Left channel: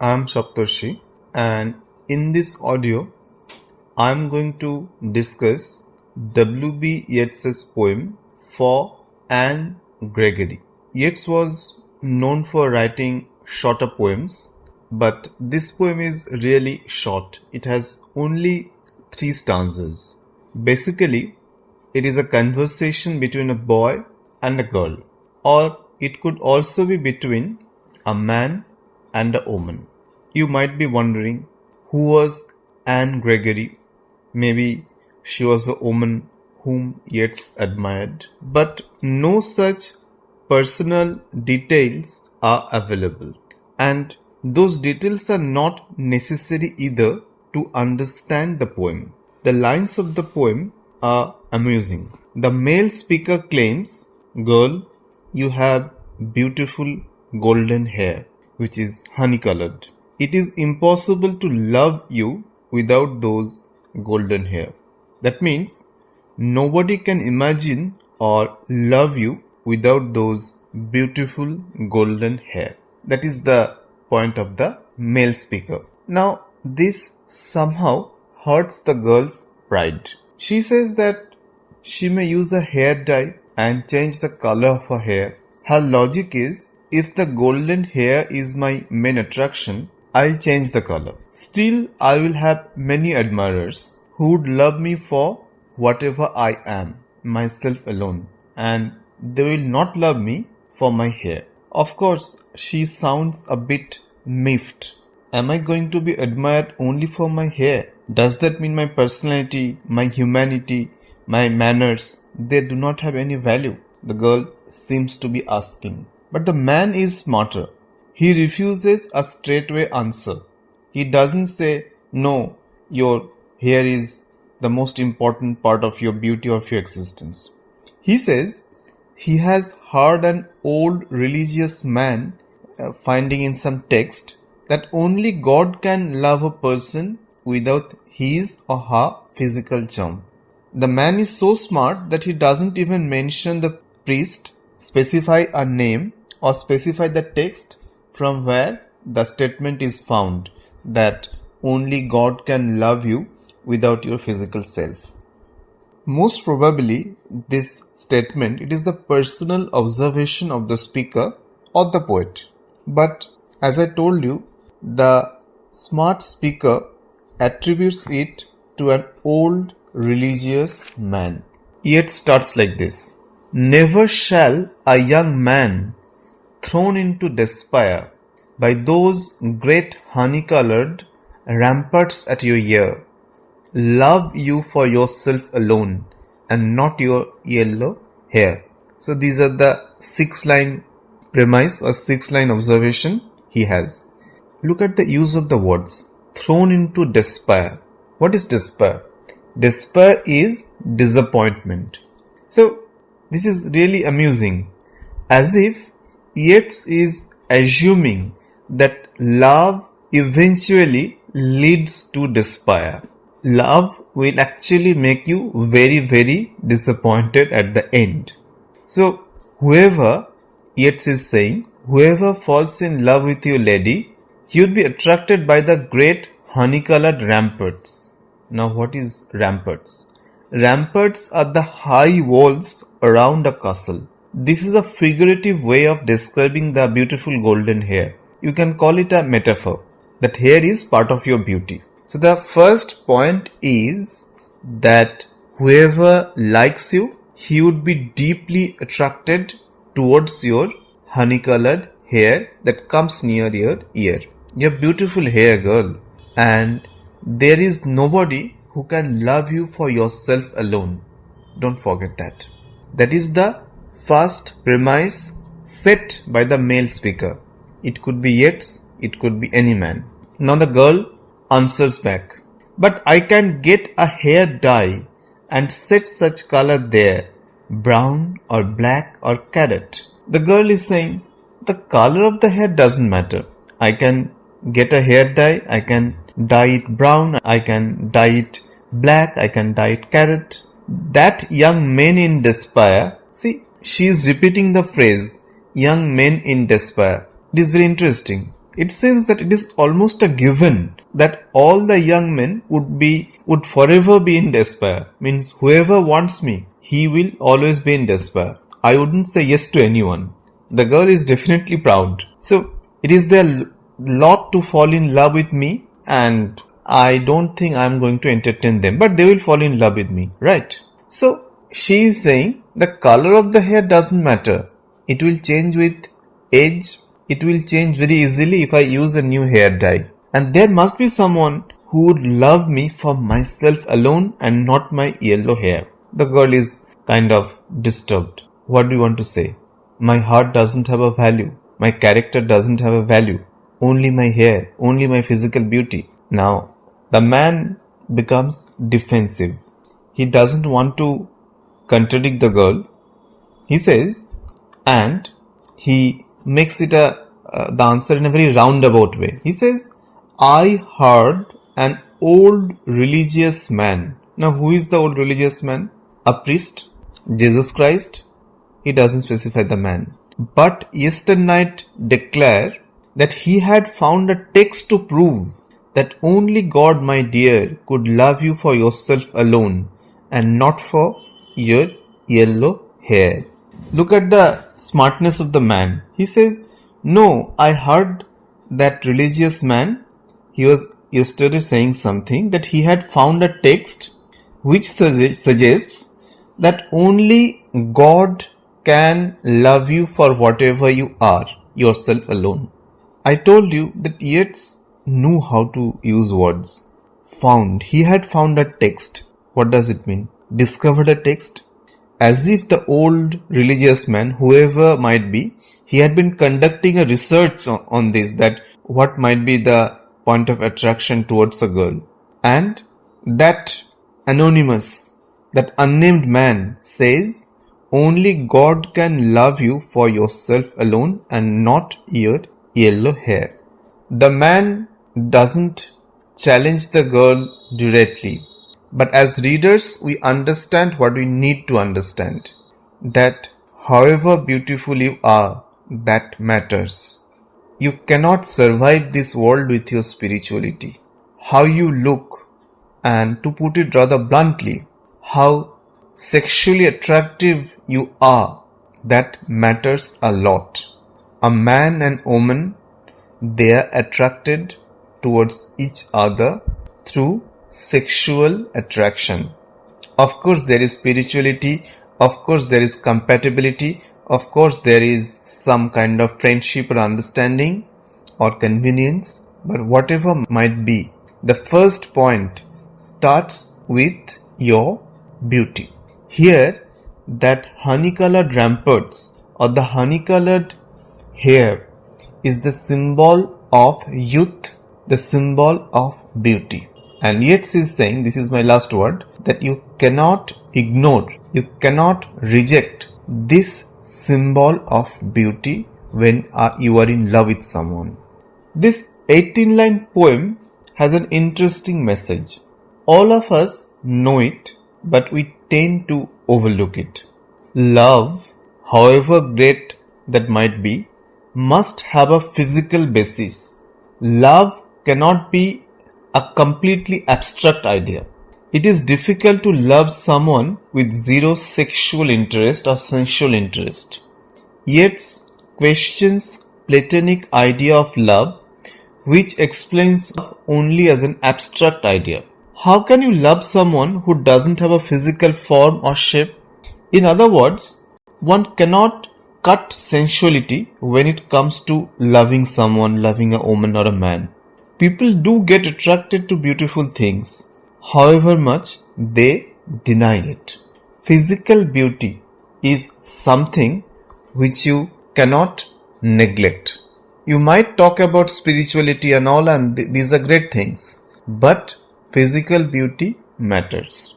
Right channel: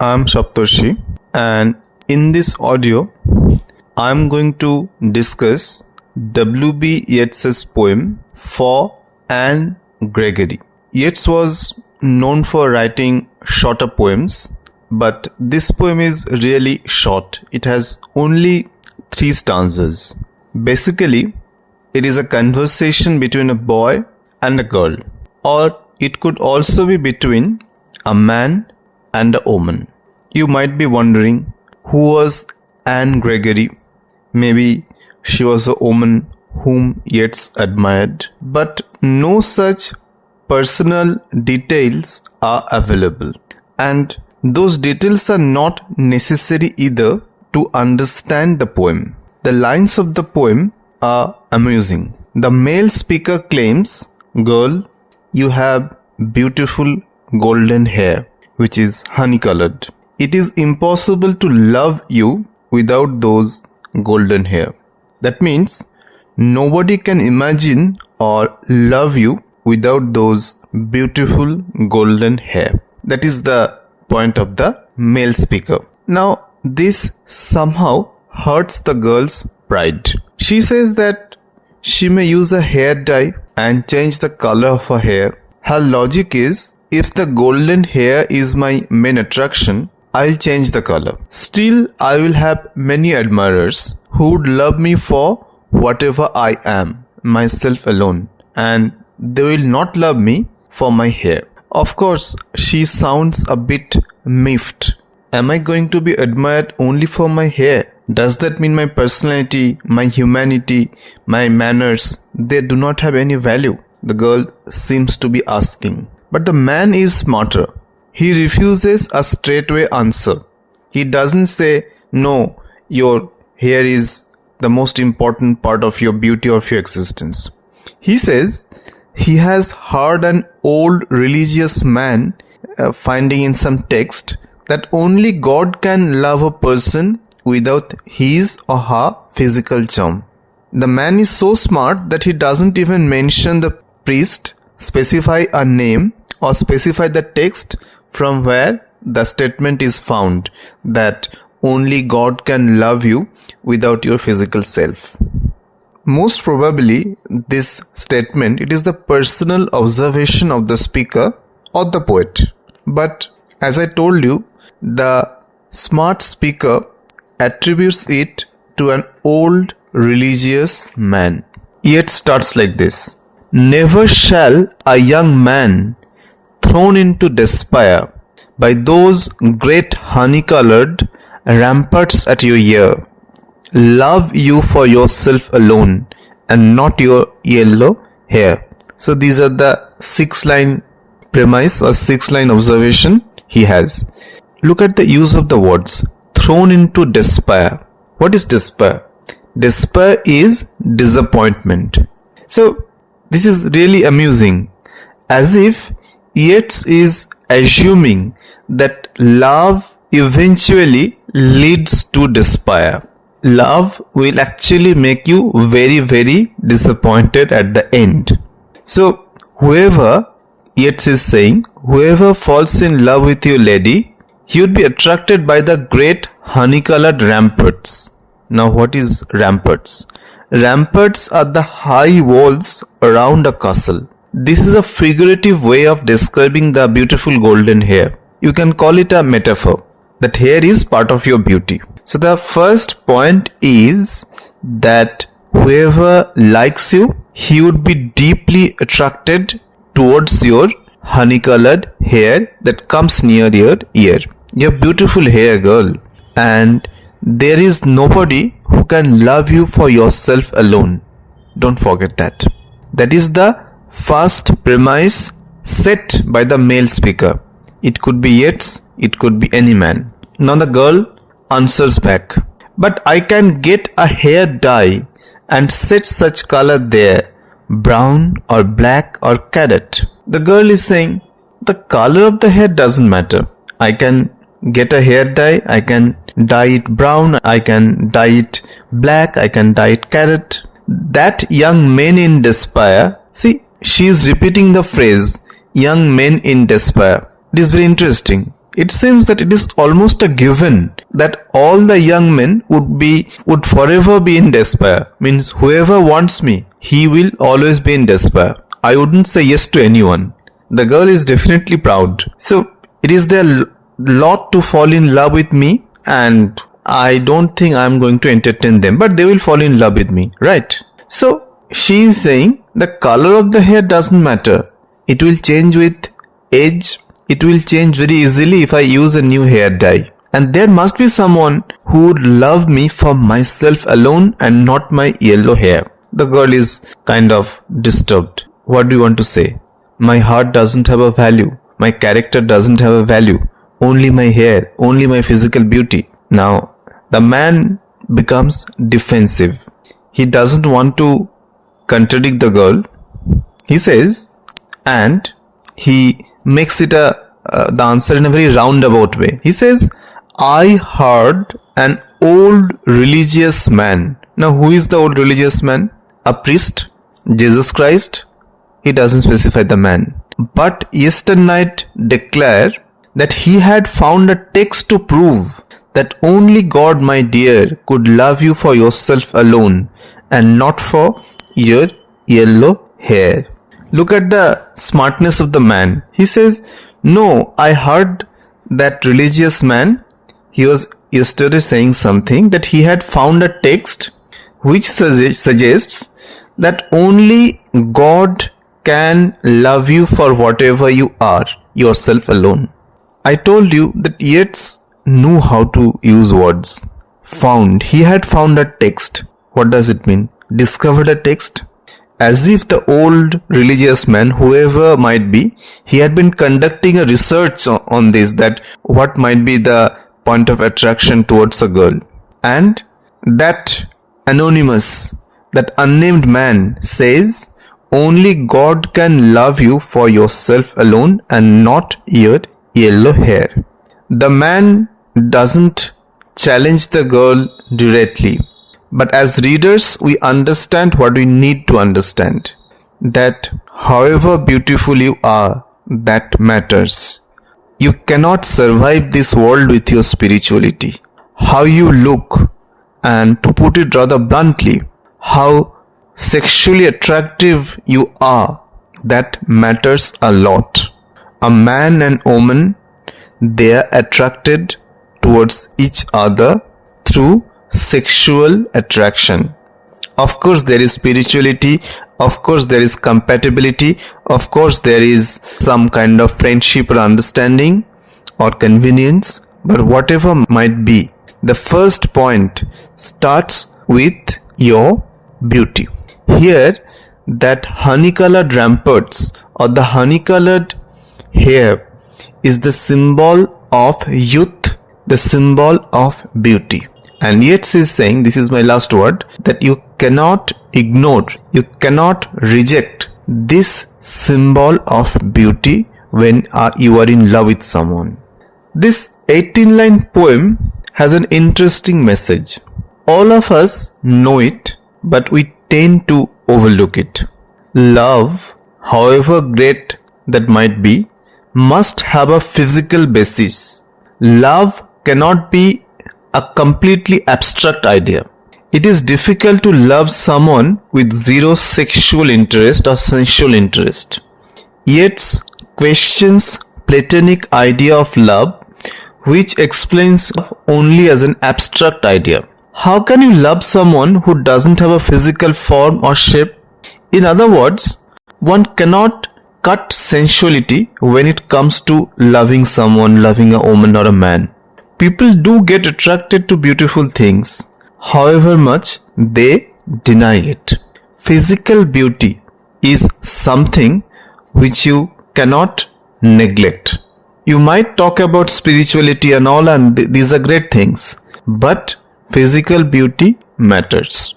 I'm Saptarshi, and in this audio, I'm going to discuss W.B. Yeats's poem ForAnneGregory. Yeats was known for writing shorter poems, but this poem is really short. It has only 3 stanzas. Basically, it is a conversation between a boy and a girl, or it could also be between a man and a woman. You might be wondering, who was Anne Gregory? Maybe she was a woman whom Yeats admired, but no such personal details are available, and those details are not necessary either to understand the poem. The lines of the poem are amusing. The male speaker claims, "Girl, you have beautiful golden hair, which is honey-colored. It is impossible to love you without those golden hair." That means nobody can imagine or love you without those beautiful golden hair. That is the point of the male speaker. Now, this somehow hurts the girl's pride. She says that she may use a hair dye and change the color of her hair. Her logic is, if the golden hair is my main attraction, I'll change the color. Still, I will have many admirers who would love me for whatever I am, myself alone, and they will not love me for my hair. Of course, she sounds a bit miffed. Am I going to be admired only for my hair? Does that mean my personality, my humanity, my manners, they do not have any value? The girl seems to be asking. But the man is smarter. He refuses a straightaway answer. He doesn't say, no, your hair is the most important part of your beauty of your existence. He says he has heard an old religious man finding in some text that only God can love a person without his or her physical charm. The man is so smart that he doesn't even mention the priest, specify a name, or specify the text from where the statement is found that only God can love you without your physical self. Most probably, this statement, it is the personal observation of the speaker or the poet. But as I told you, the smart speaker attributes it to an old religious man. Yet starts like this: "Never shall a young man thrown into despair by those great honey-colored ramparts at your ear love you for yourself alone and not your yellow hair." So these are the 6-line premise or 6-line observation he has. Look at the use of the words thrown into despair. What is despair? Despair is disappointment. So this is really amusing, as if Yeats is assuming that love eventually leads to despair. Love will actually make you very, very disappointed at the end. So whoever, Yeats is saying, whoever falls in love with you, lady, he would be attracted by the great honey-colored ramparts. Now what is ramparts? Ramparts are the high walls around a castle. This is a figurative way of describing the beautiful golden hair. You can call it a metaphor. That hair is part of your beauty. So the first point is that whoever likes you, he would be deeply attracted towards your honey-colored hair that comes near your ear. Your beautiful hair, girl. And there is nobody who can love you for yourself alone. Don't forget that. That is the first premise set by the male speaker. It could be Yeats, it could be any man. Now the girl answers back, "But I can get a hair dye and set such color there, brown or black or cadet." The girl is saying, the color of the hair doesn't matter. I can get a hair dye, I can dye it brown, I can dye it black, I can dye it cadet. That young men in despair, see, she is repeating the phrase, young men in despair. It is very interesting. It seems that it is almost a given that all the young men would forever be in despair. Means whoever wants me, he will always be in despair. I wouldn't say yes to anyone. The girl is definitely proud. So it is their lot to fall in love with me, and I don't think I'm going to entertain them, but they will fall in love with me, right? So she is saying the color of the hair doesn't matter. It will change with age. It will change very easily if I use a new hair dye. And there must be someone who would love me for myself alone and not my yellow hair. The girl is kind of disturbed. What do you want to say? My heart doesn't have a value. My character doesn't have a value. Only my hair, only my physical beauty. Now, the man becomes defensive. He doesn't want to contradict the girl. He says, and he makes it the answer in a very roundabout way. He says, I heard an old religious man. Now, who is the old religious man? A priest? Jesus Christ? He doesn't specify the man. But yesterday night declare that he had found a text to prove that only God, my dear, could love you for yourself alone and not for your yellow hair. Look at the smartness of the man. He says, no, I heard that religious man, he was yesterday saying something that he had found a text which suggests that only God can love you for whatever you are, yourself alone. I told you that Yeats knew how to use words. Found. He had found a text. What does it mean? Discovered a text? As if the old religious man, whoever might be, he had been conducting a research on this, that what might be the point of attraction towards a girl. And that anonymous, that unnamed man says, only God can love you for yourself alone and not your yellow hair. The man doesn't challenge the girl directly. But as readers, we understand what we need to understand. That however beautiful you are, that matters. You cannot survive this world with your spirituality. How you look, and to put it rather bluntly, how sexually attractive you are, that matters a lot. A man and woman, they are attracted towards each other through sexual attraction. Of course there is spirituality, of course there is compatibility, of course there is some kind of friendship or understanding or convenience, but whatever might be, the first point starts with your beauty. Here, that honey-colored ramparts or the honey-colored hair is the symbol of youth, the symbol of beauty. And Yeats is saying, this is my last word, that you cannot ignore, you cannot reject this symbol of beauty when you are in love with someone. This 18-line poem has an interesting message. All of us know it, but we tend to overlook it. Love, however great that might be, must have a physical basis. Love cannot be a completely abstract idea. It is difficult to love someone with zero sexual interest or sensual interest. Yeats questions Platonic idea of love, which explains love only as an abstract idea. How can you love someone who doesn't have a physical form or shape? In other words, one cannot cut sensuality when it comes to loving someone, loving a woman or a man. People do get attracted to beautiful things, however much they deny it. Physical beauty is something which you cannot neglect. You might talk about spirituality and all, and these are great things, but physical beauty matters.